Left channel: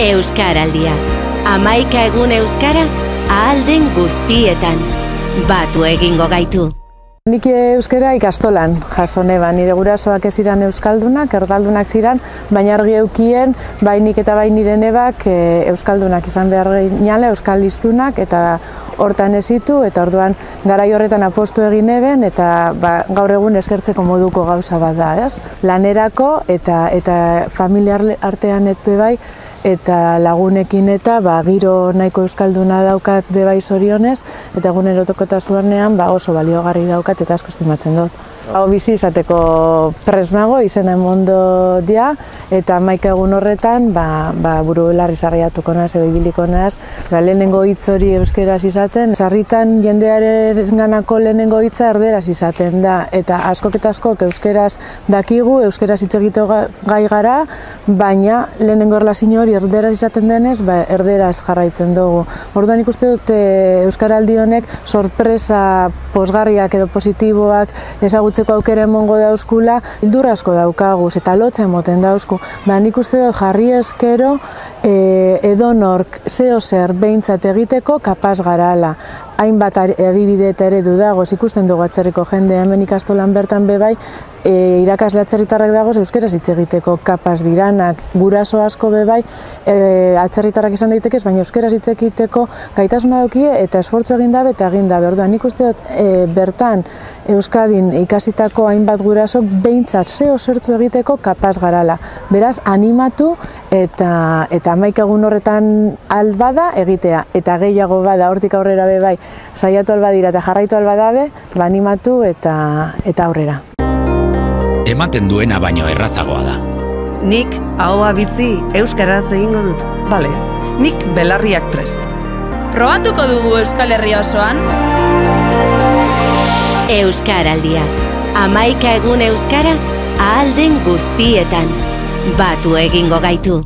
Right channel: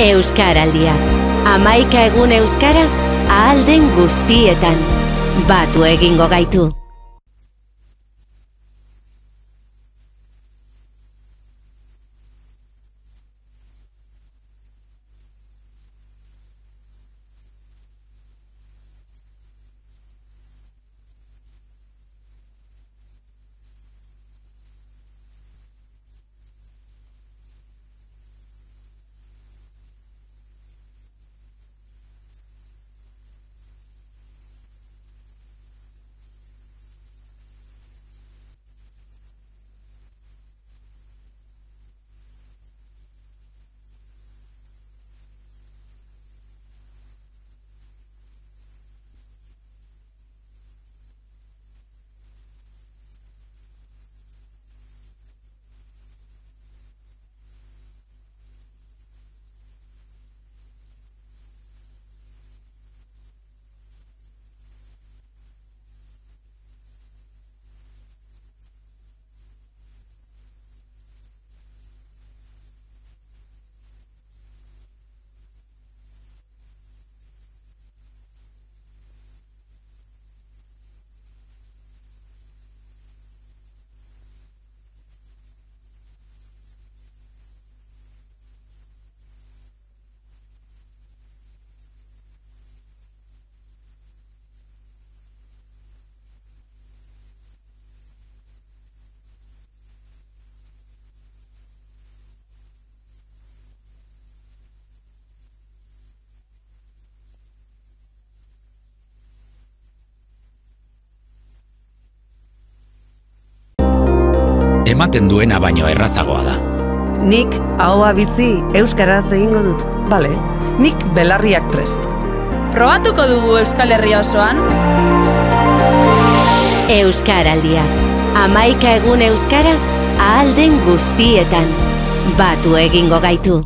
Euskaraldia. 11 egun euskaraz ahal den guztietan. Batu egingo gaitu. Nik euskara ikastolan jaso neban, nire gurasoak ez ziren euskaldunak, erdaldunak ziren, baina argi eukien, bai nik eta bai nire nebak euskaldunak izan behar ginala, euskaldiztunak, eta hortan ezitu, eta orduan garai horretan apostu egin eben, eta gaur egun eskertzeko moduko gauza bat da, ez? Lanerako eta familiar artean etpe bai, eta lagunekin eta giro nahiko euskalduna daukat bebai zorionez, eta egunerokotasunean oso baliogarri daukat eta asko estimatzen dut. Hau bizi izateko prest nago, izena emondo dia, eta 11 egun horretan buru belarri sarriatuko naz edo ibiliko naz, lehenengo hitz hori euskeraz izaten. Sarritan jendearen ganako lehenengo hitza erderaz izaten da, eta askok eta askok euskeraz dakigu, euskeraz hitz egiteko gai gara, baina lehenengo erlazio hori erderaz izaten denez, erderaz jarraitzen dugu. Orduan ikuste dut euskaraldi honek sorpresa posgarriak edo positiboak ezagutzeko aukera emongo dauzkula, hildur asko daukaguz eta lotza emoten dauzku. Nik uste dut jarri eskero edonork zeo zer behintzat egiteko kapaz garala. Hainbat adibide eta eredu dagoz, ikusten dugu atzerriko jende hemen ikastolan bertan bebai, irakasle atzerritarrak dagoz euskeraz hitz egiteko kapaz diranak, guraso asko bebai atzerritarrak izan daitekez, baina euskeraz hitz egiteko gaitasuna daukie eta esfortzu egin dabe eta egin dabe. Orduan nik uste dut bertan Euskadin ikasitako hainbat gurasok behintzat zeo zertzu egiteko kapaz garala. Beraz, animatu eta 11 egun horretan albada egitea, eta gehiago bada hortik aurrera bebai saiatu albadira eta jarraitu albadabe, animatu eta aurrera. Ematen duena baino errazagoa da. Nik ahoa bizi euskaraz egingo dut. Bale, nik belarriak prest. Probatuko dugu Euskal Herria osoan? Euskaraldia. 11 egun euskaraz ahal den guztietan. Batu egingo gaitu.